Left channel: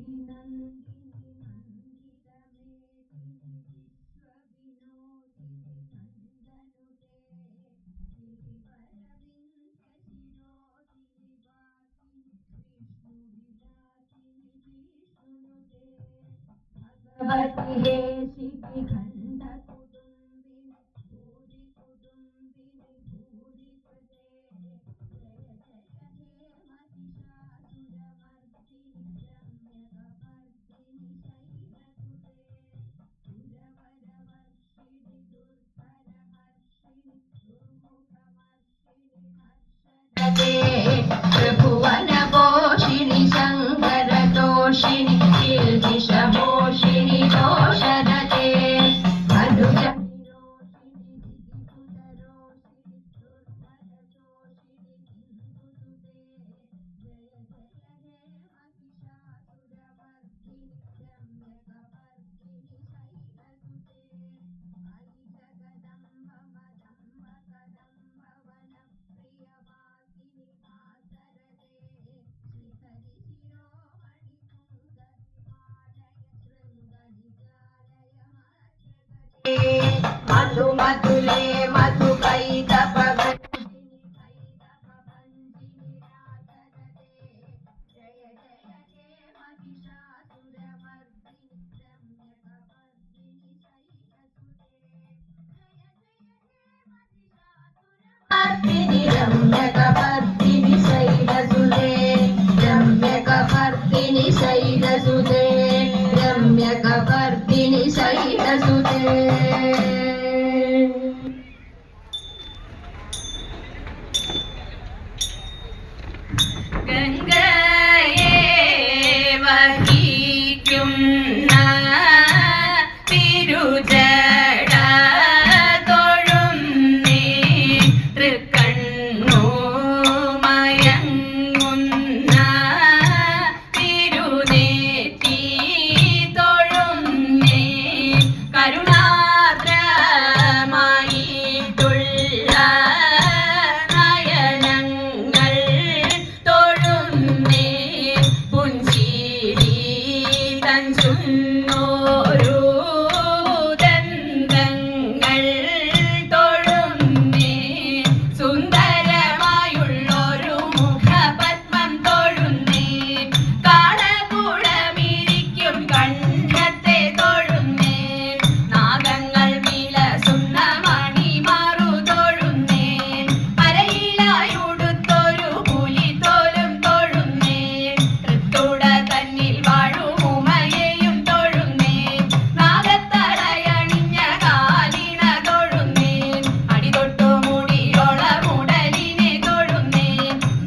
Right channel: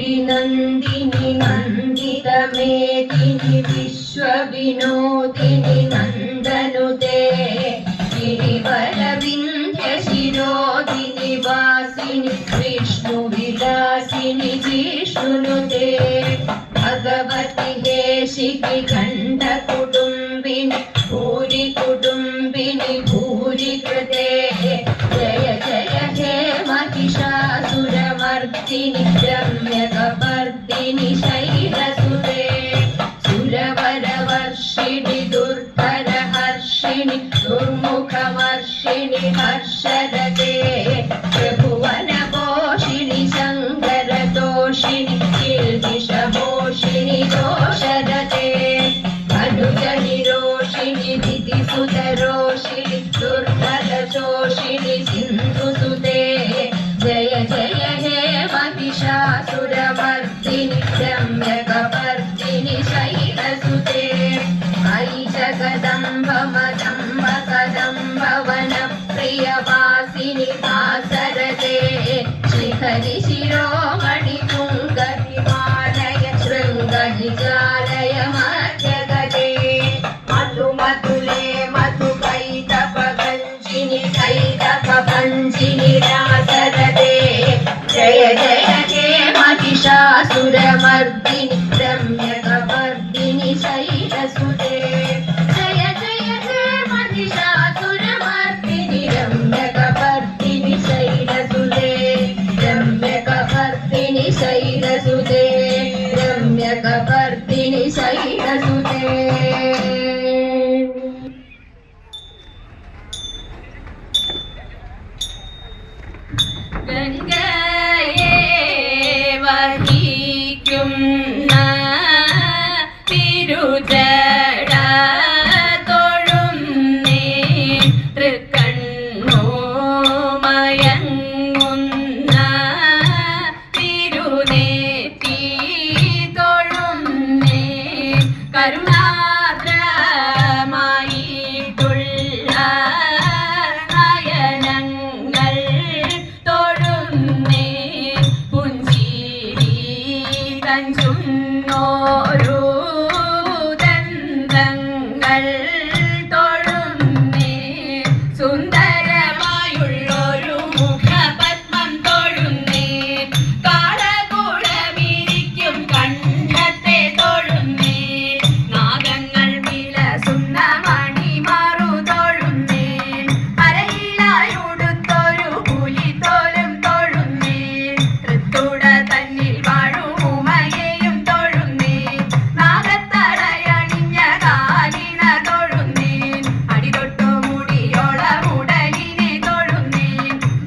गिरिनन्दिनि नन्दितमेदिनि विश्वविनोदिनि नन्दनुते गिरिवरविन्ध्यशिरोदिनि वासिनि विष्णुविलासिनि जिष्णुनुते भगवति हेशिखि खण्डकुटुम्बिनि भूरि कुटुम्बिनि भूरि कृते जय जय हे महिषासुरमर्दिनि रम्यकपर्दिनि शैलसुते सुरवरवर्षिणि दुर्धरहर्षिणि दुर्मुखवर्षिणि हर्षरते त्रिभुवनपोषिणि शङ्करतोषिणि किल्बिषपोषिणि दोषरते अनुजनिरोषिणि दितिसुतरोषिणि दुर्धरशोषिणि सिन्धुसुते जय जय हे महिषासुरमर्दिनि रम्यकपर्दिनि शैलसुते अयि जगदम्ब मदम्ब कदम्ब वनप्रियवासिनि वासरते शिखरि शिरोमणि पुङ्गहिमालय शृङ्गनिजालय मध्यगते मधुमधुले मधुकैतपभञ्जिनि कैतपभञ्जिनि रासरते जय जय हे महिषासुरमर्दिनि रम्यकपर्दिनि शैलसुते जय जय हे महिषासुरमर्दिनि रम्यकपर्दिनि शैलसुते रम्यकपर्दिनि शैलसुते रम्यकपर्दिनि शैलसुते ഗംഗയെ വഹിക്കുന്ന തിരുജട തൊഴുന്നേ തൃക്കണ്ണു മയങ്ങുന്ന തിരുനെറ്റി തൊഴുന്നേ കരുണാദ്രമായിട്ടുള്ള നയനങ്ങൾ തൊഴുന്നേ പുഞ്ചിരി തഞ്ചുന്നോരു ദന്തങ്ങൾ തൊഴുന്നേ സുന്ദരമായുള്ളൊരു മുഖപത്മം തൊഴുന്നേ കാളകൂടമിരിക്കും കണ്ഠത്തെ തൊഴുന്നേ നാഗങ്ങൾ വിലസുന്ന മണിമാറു തൊഴുന്നേ അരയിലായുടുത്തൊരു പുലിത്തോലും തൊഴുന്നേ തൃത്തുട തന്നിൽ വാഴും ഉമയെയും തൊഴുന്നേ നാഗത്തടയണിഞ്ഞ കാലിണ തൊഴുന്നേ അടിതൊട്ടു മുടിയോളമുടലിനെ തൊഴുന്നേ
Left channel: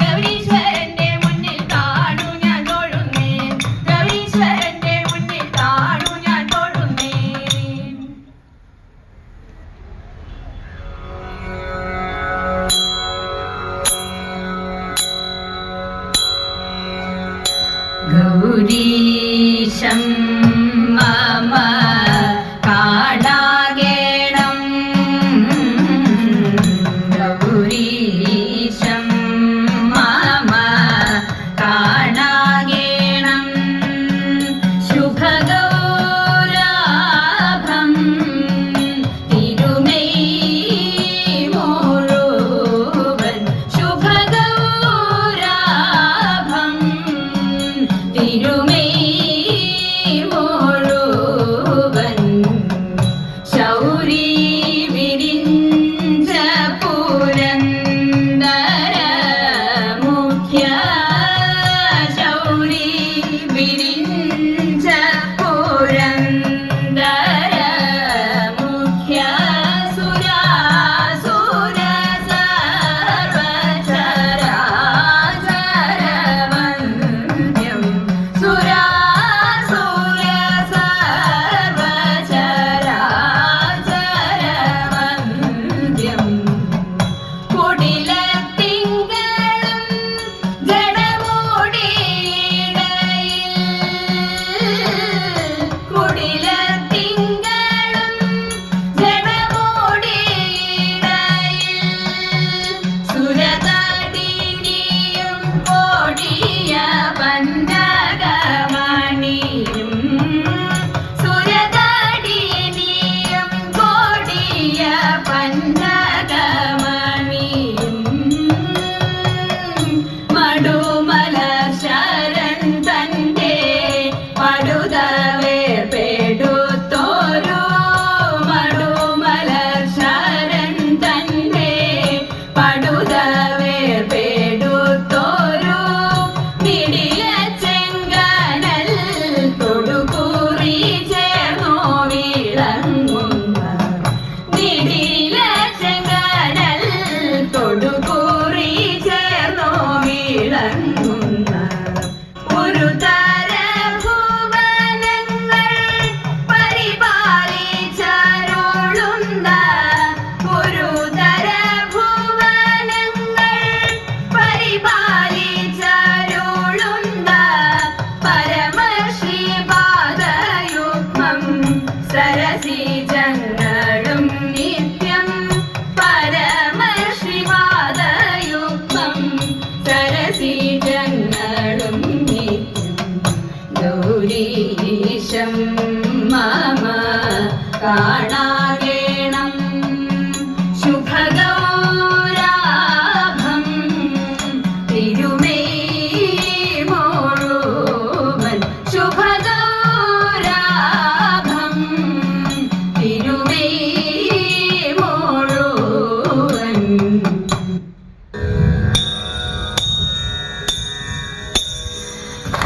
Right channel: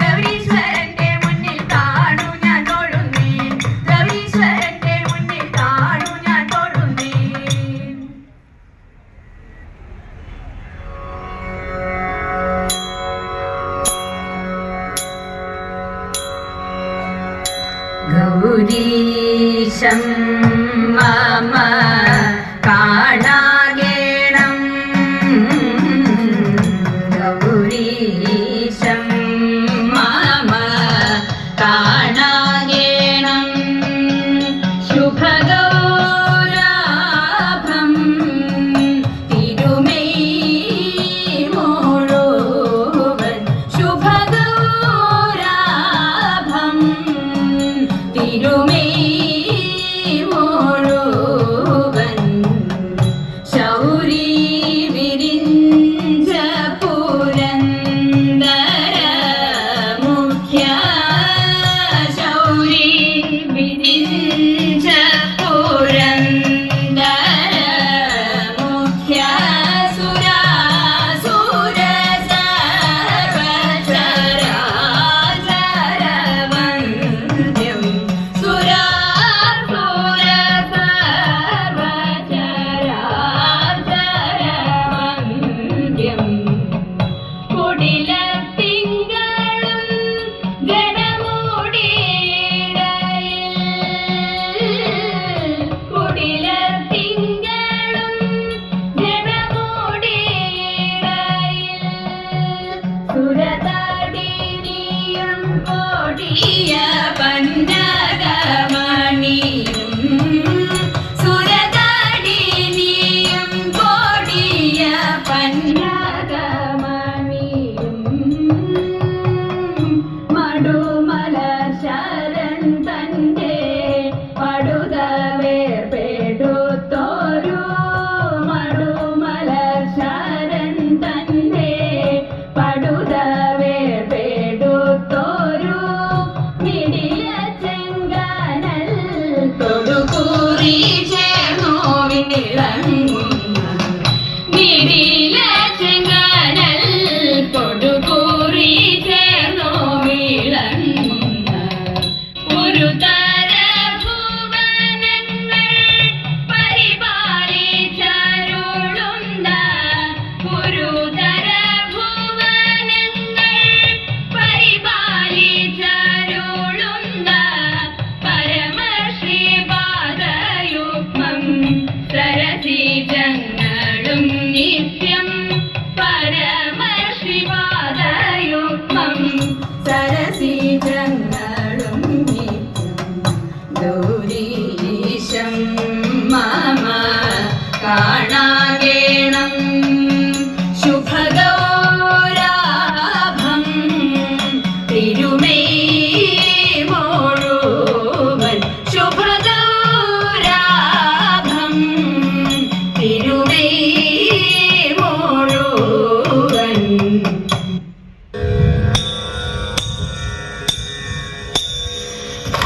ഗൗരീശ്വരന്റെ മുന്നിൽ കാണു ഞാൻ തൊഴുന്നേ ഗൗരീശ്വരന്റെ മുന്നിൽ കാണു ഞാൻ തൊഴുന്നേ गौरीशं मम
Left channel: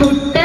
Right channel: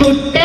കുട്ട